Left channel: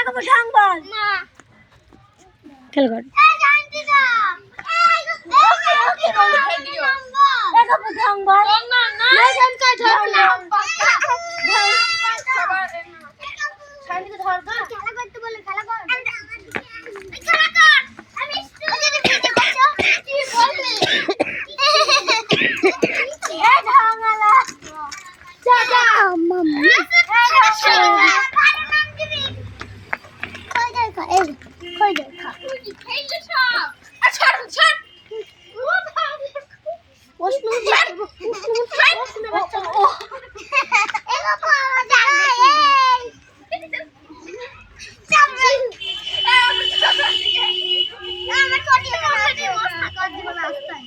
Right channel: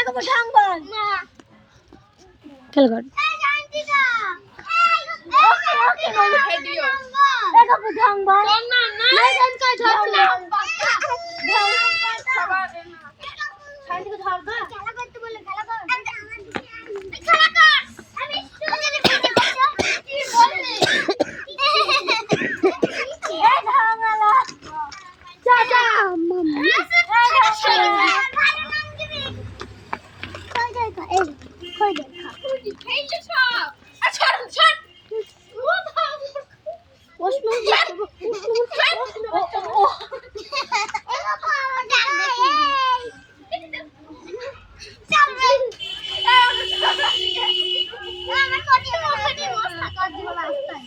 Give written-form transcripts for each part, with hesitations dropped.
একেবারে ঢং বল না খেল কর ওকে ওকে ভিডিও একেবারে ঢং বল না না ঢং কা ঢং ঢং সবার শান্তিকে ধর ধর খেলা করতে বলে খেলা কর খেলা কর আমি ওই যে ভিডিও করছো কি বললি এ ঢংলা যা যা মাম্মা নাম দিবি কই দে খা এই কই দে খা কি খেলে সব আচ্ছা ছাড় ও বাবা প্রশ্ন ও এগো বাবা যাবে আমার ছোটি মস্ত কর দিব না আস্তায়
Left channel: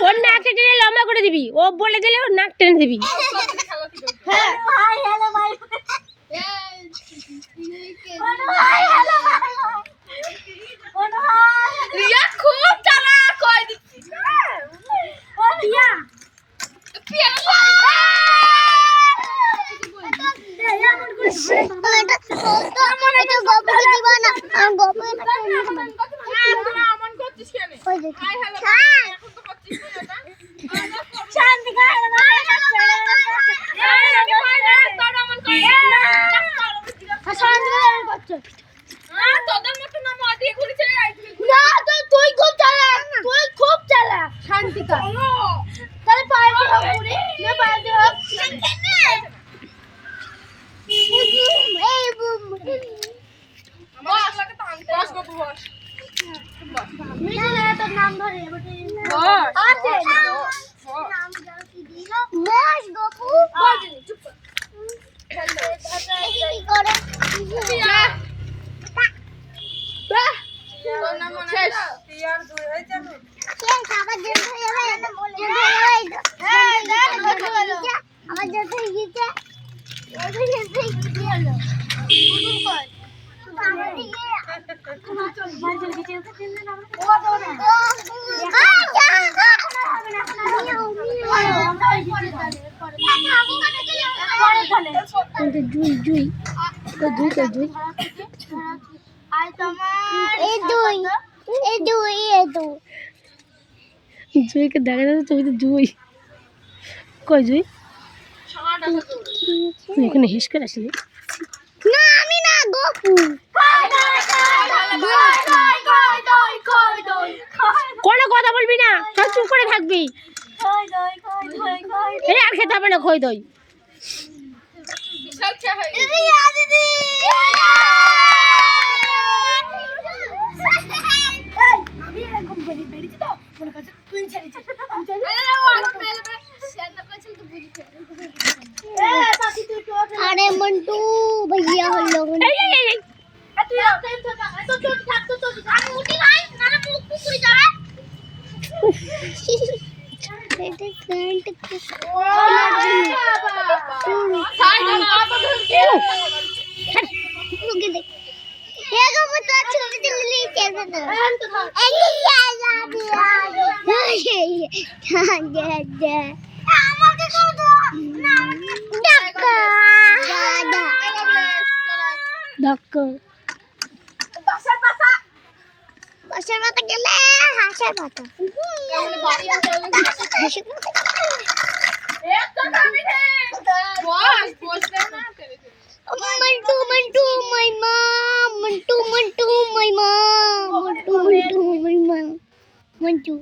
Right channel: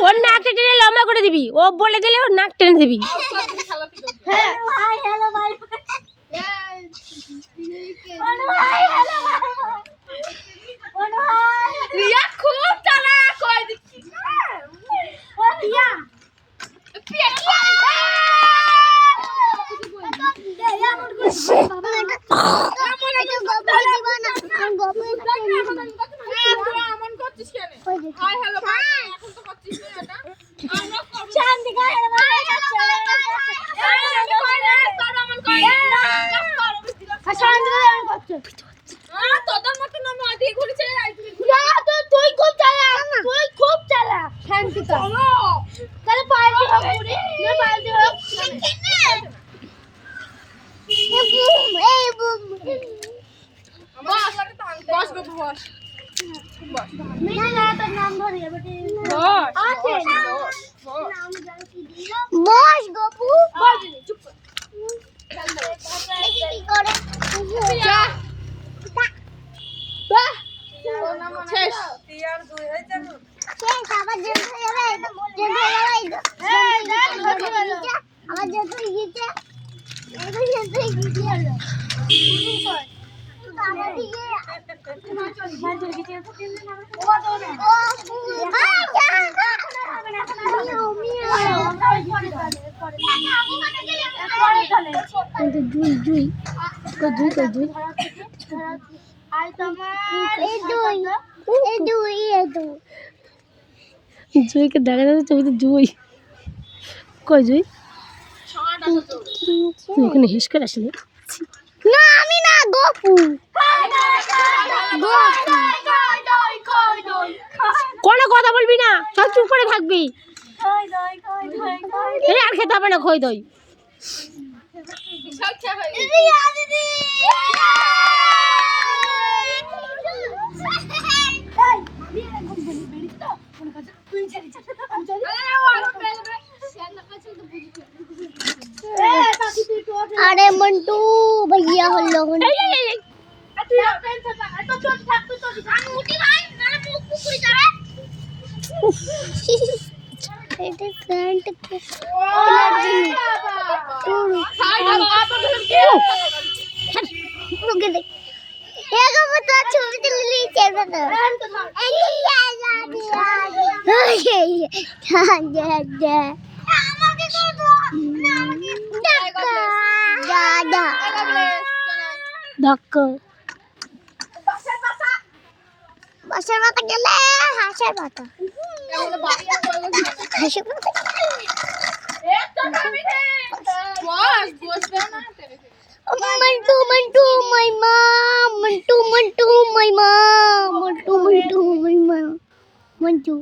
ওর নাক টেনে লম্বা করে দিবি ও বলে দিলে ওর নাক টেনে দিবি হাই হ্যালো ভাই রিয়া খুব চালাক কই দিচ্ছি রিয়া নাম ধরে জুইকে দেখা যাচ্ছে ছবিতে জুই কই জুই তুই ওখানে হিস করে আসলি না আমি না গপু কোনো কথা বলবি না সব চুপ করে থাকবি আর খেতে হবে না খই দই अरे मंटू भैया हल्लो বাসার মাথা গেলে হাঁসের মাথা Mantu Mantu my mom Mantu Mantu my mom Mantu Mantu my mom Mantu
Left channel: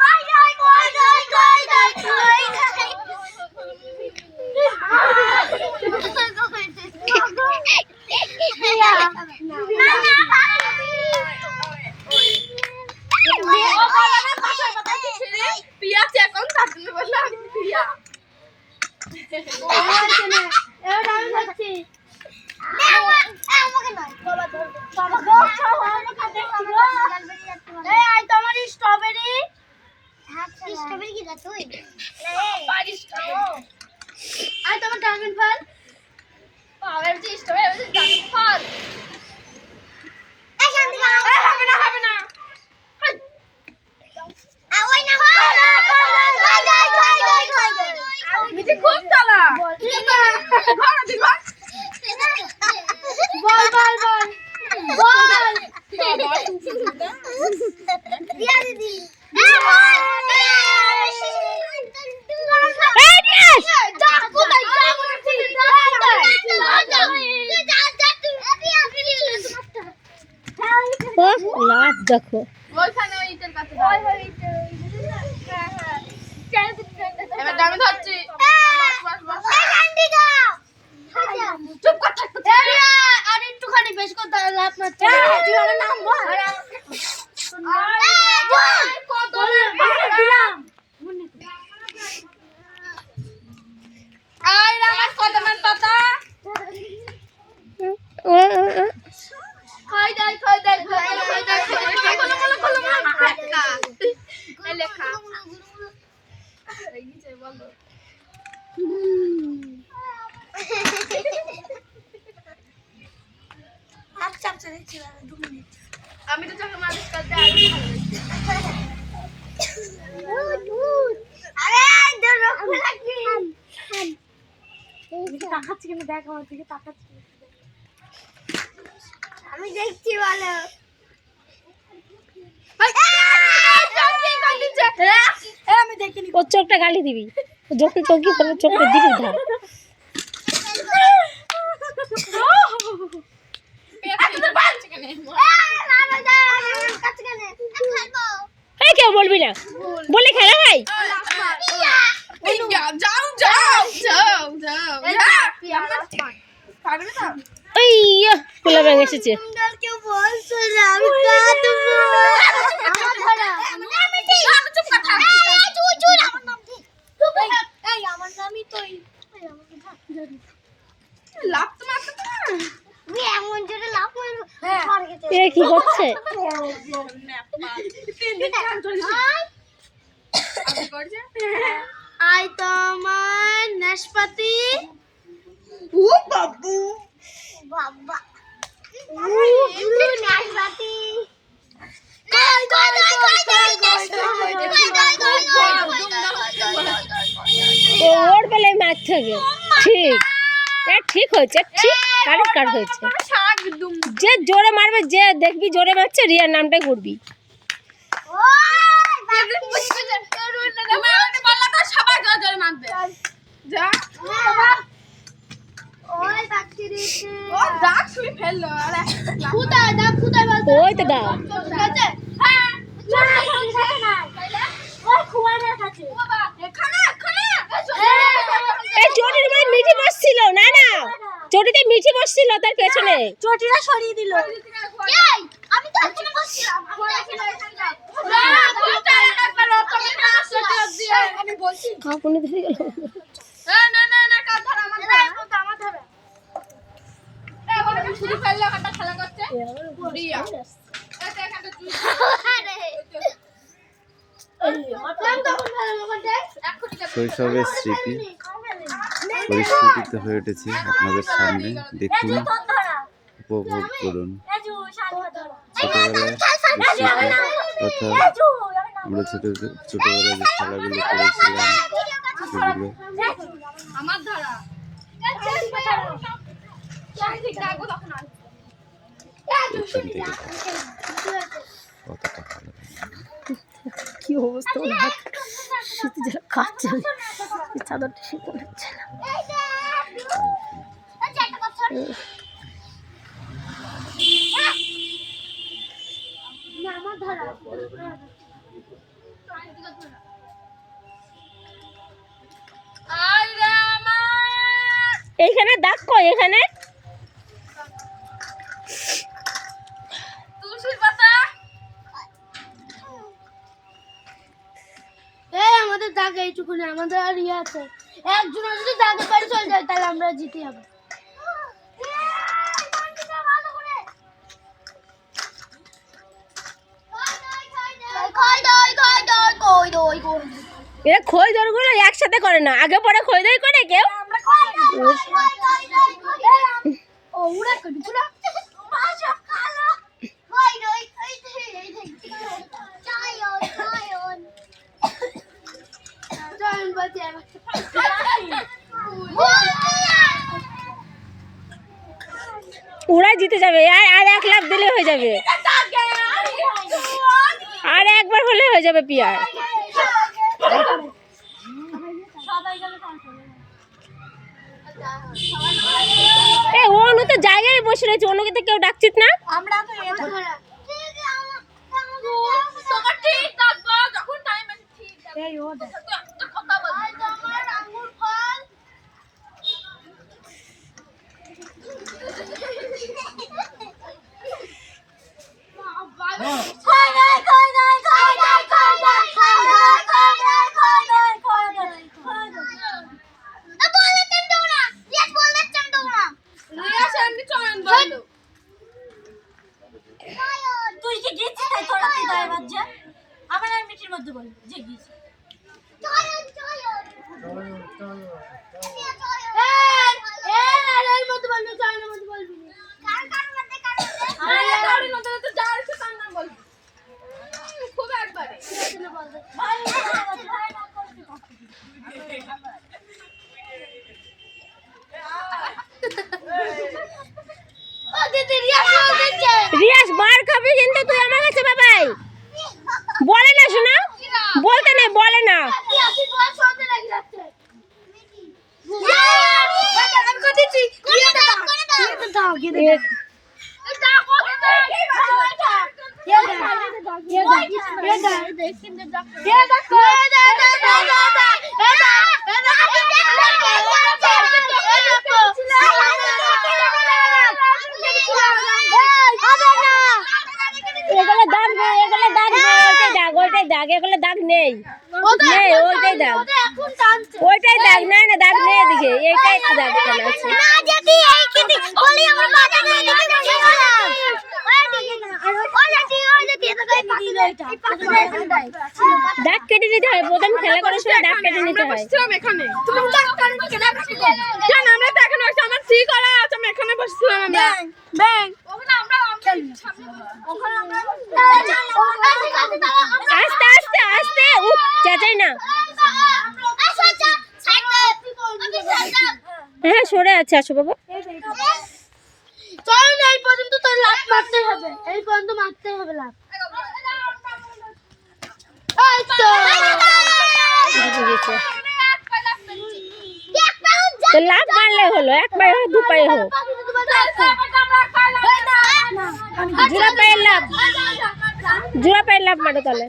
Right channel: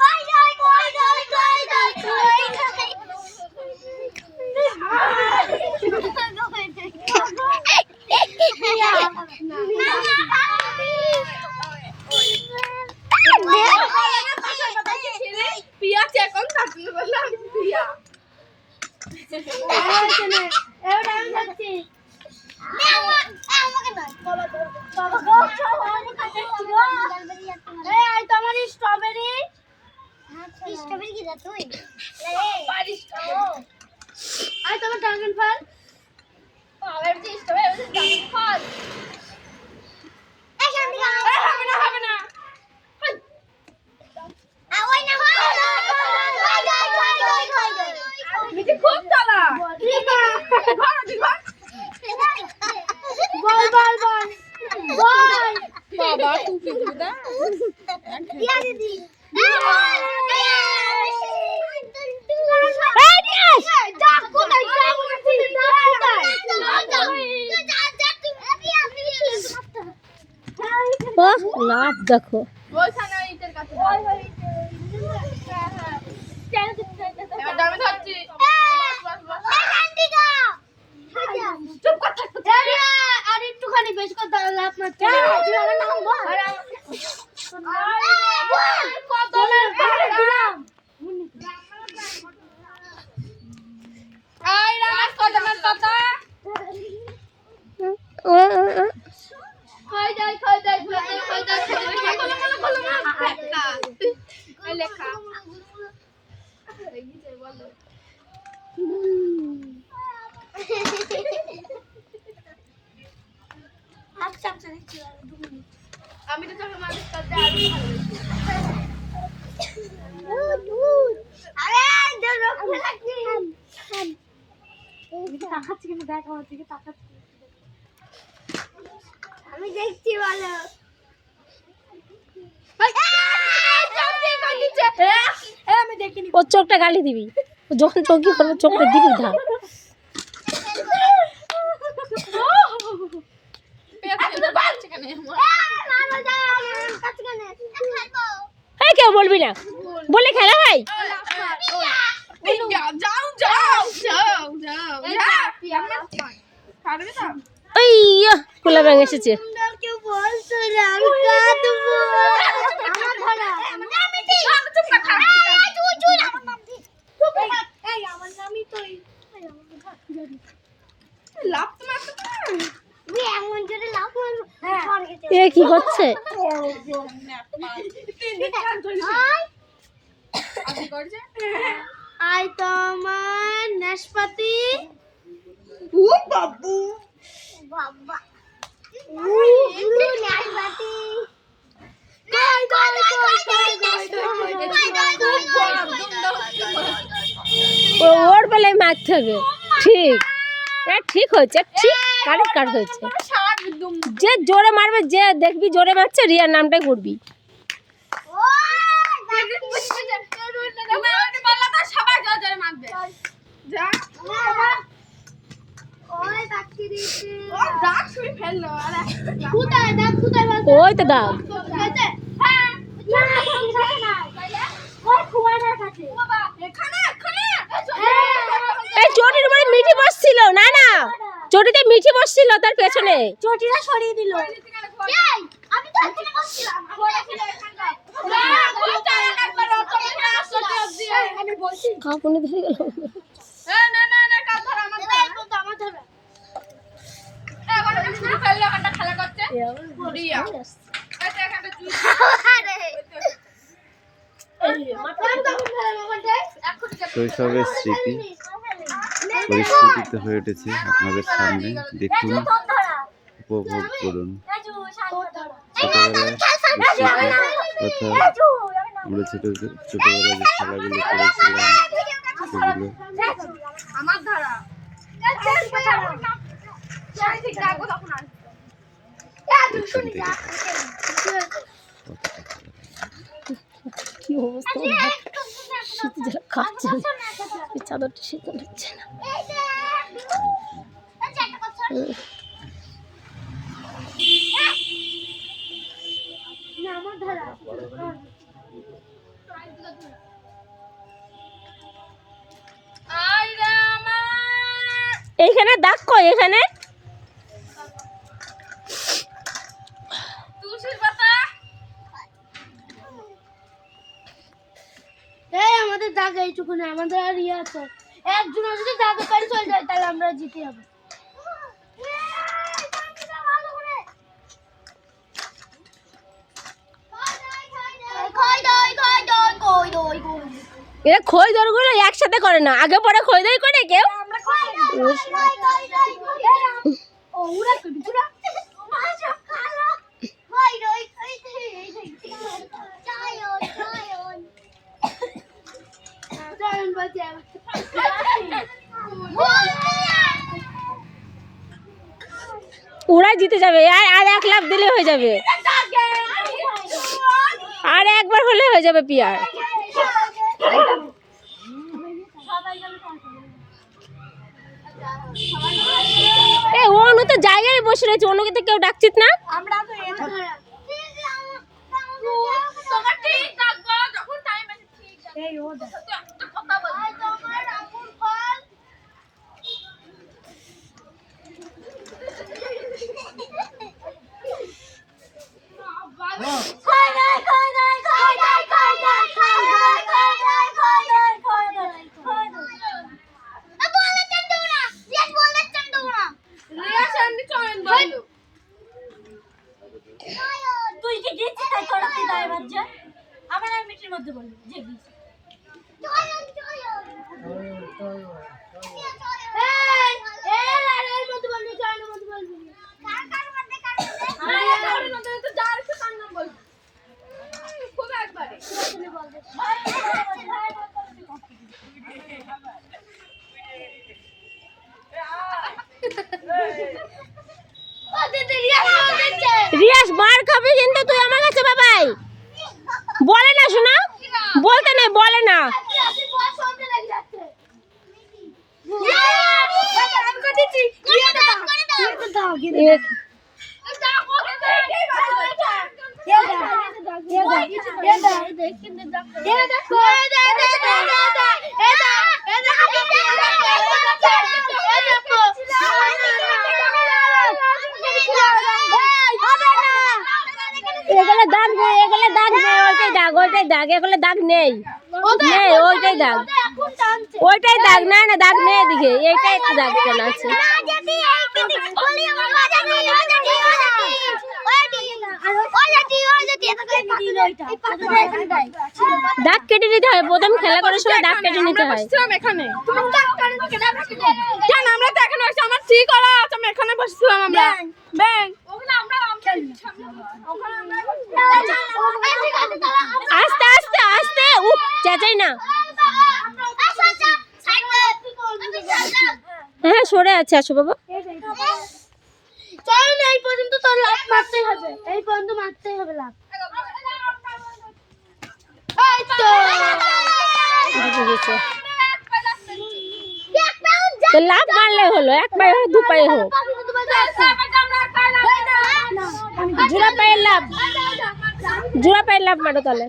खाई जाए खाई जाए खाई जाए खाई जाए पिया चेक कौन करने वाला पिया এবার আমি যাচ্ছি। আমাকে নয়, বাবা ধরবে। বাবা গো, আমাকে কাটাচ্ছি গো। এই আই তোমার স্ট্রবেরি। স্ট্রবেরি কি যা তুই? পারিস তো। আই তোমার ড্রাগন ফল। আমার যে স্ট্রবেরি আছে ড্রাগন ফল। এই শান্তি গাও। হবে না হবে না। ওই না নিচে খুব তালা বল দিয়া দিদি লাভ দেখো ওইখানে ইটের কাছে ওই হ্যাঁ হ্যাঁ এবার দামে ধরছি চুপ কর থাক আর একটুখানি বেশ কথা লাভ মারতে তুই আমার নাম বল কত দিলাম আই রামাস কত মান পাতা খাই দাই লেখা এই যে বলো আপ চাপতে দেখছি 2 মিনিট আমি তো চোখে মালিশ করতে আর আরে ধরো লাগি আমি তাকাচ্ছি কেন দেখ আমার দিকে তাকাচ্ছি আমি দেখছি ভালো আমি দেখিনি ওর চোখটা গালি দিবি যখন চোখি করবে চোখটা দিবি ধার হ্যাঁ কেউ বলবি না বলে খেলা হয় ওই খোলা ব্যাগ এসেছে কেউ বলছো না আমি কাঁদবো আমার নামই তো লাভ তো মারতে না এমন জোরে লাভ মারবো এরা কি করছে আই তোমার নাশপাতি ও বাবু বাবা নাশপাতি ওর বেলায় মারতে হবে ঠিক ঠিক হয়েছে ঠিক কারেক্ট হয়েছে যে জোরে মারবে যে দেখবি জোরে মারছে রিয়ার নামটাই করবি ওই তো দাও চটির উপরে মিঠি বসছিল না না চটিতে মিঠি বসছিল তার পেছনে চটিটা সরিয়ে দিল আমি তো এখানে বসছিলাম কাপড়ে ধরে গেল শৈশবের স্মৃতি পরিস্ফুটিত হয়ে উঠেছে আপনাদের সামনে দেখুন উপভোগ করুন ছোটবেলায় কথা আমরা ছোটবেলায় যে খেলাগুলো করেছিলাম সেগুলো আমার ধারা এখান থেকে কতটা ভালো কি অবস্থা শীতে যারা কাঁপছে চাদরটা শীত লাগছে না আমার ধারা এইখানে দাগ কই এখানে তুলসীর পাতা এই আমাদের দাগ এইটুকুনি আমাদের আর ইয়ে আছে একজন যদি দাদু বাড়ি চলে যায় তাহলে আমরা জিতে যাবো। এরা খই দরগুলো একসাথে করে না, আগে পরে খই দই করে কেউ। ওরাই জিতে যাবে, আর আর 1 লাখ দিলে হয়ে যাবে, আর একবার হলে হয়ে যাবে পিয়ার। এ অনু তো জায়গায় বসে রয়েছে, অনুকে তো কেউ ডাকছিস না। আমরা তো এটা ধরা তোমার ঠিক থাকবো যখন টাইম আছে ঠিক আছে। এই ও তো একটা কথা বল, আই তোমার আঙ্গুর ফল তুই কি গেছিস তাই তোরা কি দায় বাজছে আমার আর মিটির মধ্যে বল যে গিয়েছিস রিয়াস মার খাবি কিন্তু তুই আমার কাছে বাবাই বলে না, শোনা বলতে নেই, বলে না। এগুলো দাগ নেই, এগুলো দাগ নেই, ওইটাই দাগ, এগুলো দাগ নেই, ওইটাই দাগ, ওইটাই দাগ, না না দাগ নেই এদিকে, এইটাই একটু দাগ কেন আছে। দাগ কেটে নিতে হয়, প্রথম খেলা করার সময় দাগ কেটে নিতে হয়। আস্তে আস্তে আস্তে, চেঁচাই না। হ্যাঁ সরে আছে, আসো বাবা। চল না, এই পর্যন্ত তোর লাফ মারতে হবে, এই পর্যন্ত মারতে হবে লাফ। এই তো তো লাফ মারলে হলো, 1 পায়ে হোক 2 পায়ে হোক, জোড়া পায়ের লাফ, জোড়া পায়ের লাফ মারো তাহলে।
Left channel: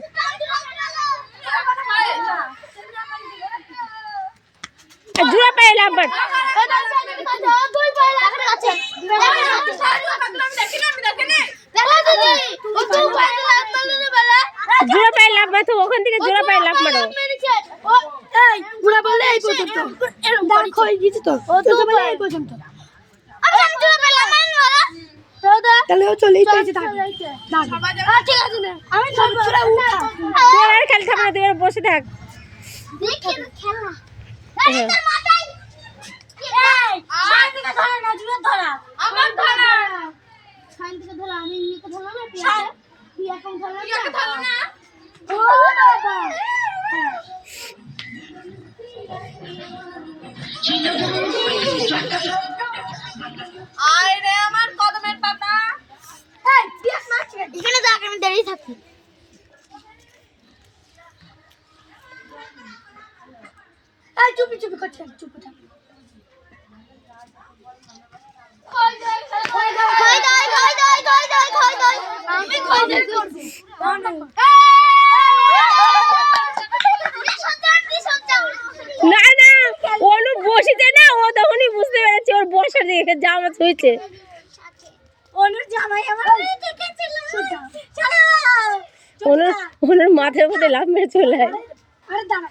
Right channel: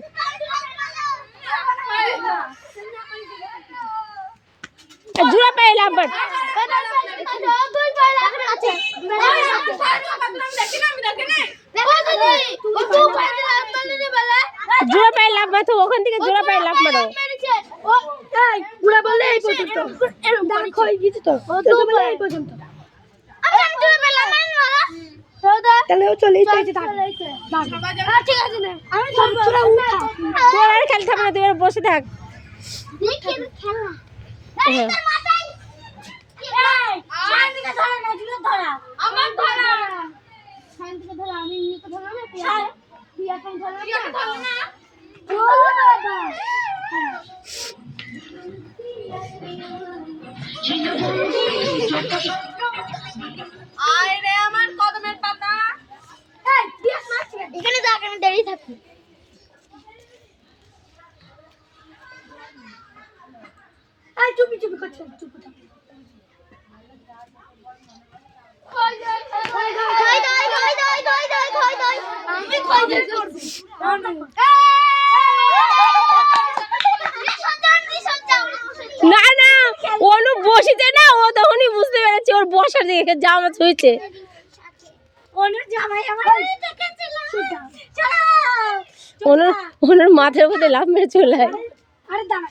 জোড়া পায়ের লাফ মার, জোড়া পায়ের লাফ মারো, ওখান থেকে জোড়া পায়ের লাফ মারো। তোর আর খেলতে হবে না, তুই আর বসে থাক। আমার কদমের পাতা এখানে দেখ, আমি দাঁড়িয়ে থাকি। চুপি চুপি করছে, চুপি থাক। না না, অনু বসেছে না, ও তখনই বুঝতে পেরেছে ওর বসার দিকে জামা ছুঁয়েছে। অনুর জামাই আমার অনুর মাথার মধ্যে লাফ মেরে চলে যায়। আরে দাঁড়া,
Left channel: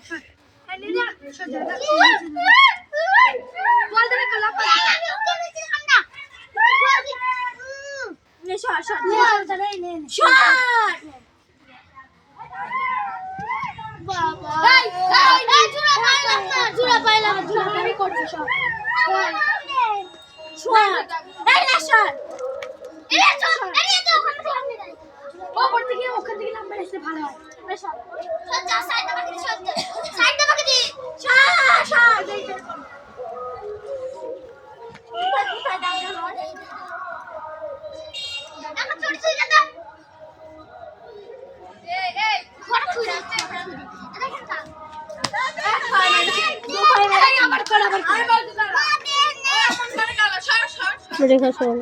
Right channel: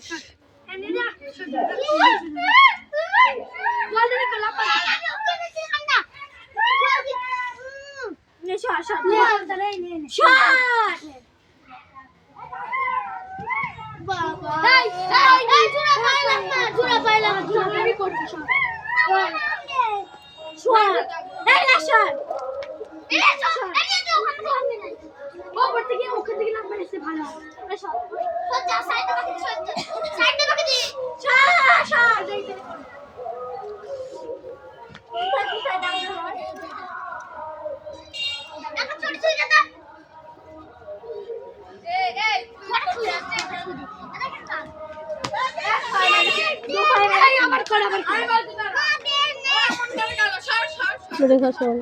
রেখা শোন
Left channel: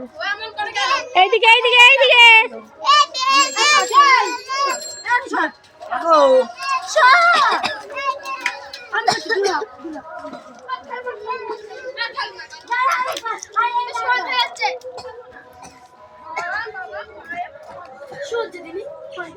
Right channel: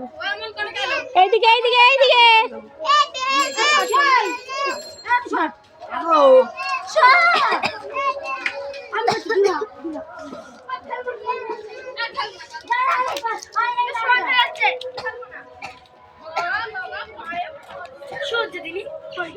এইদিকে এইদিকে এইদিকে সহ্য দিবি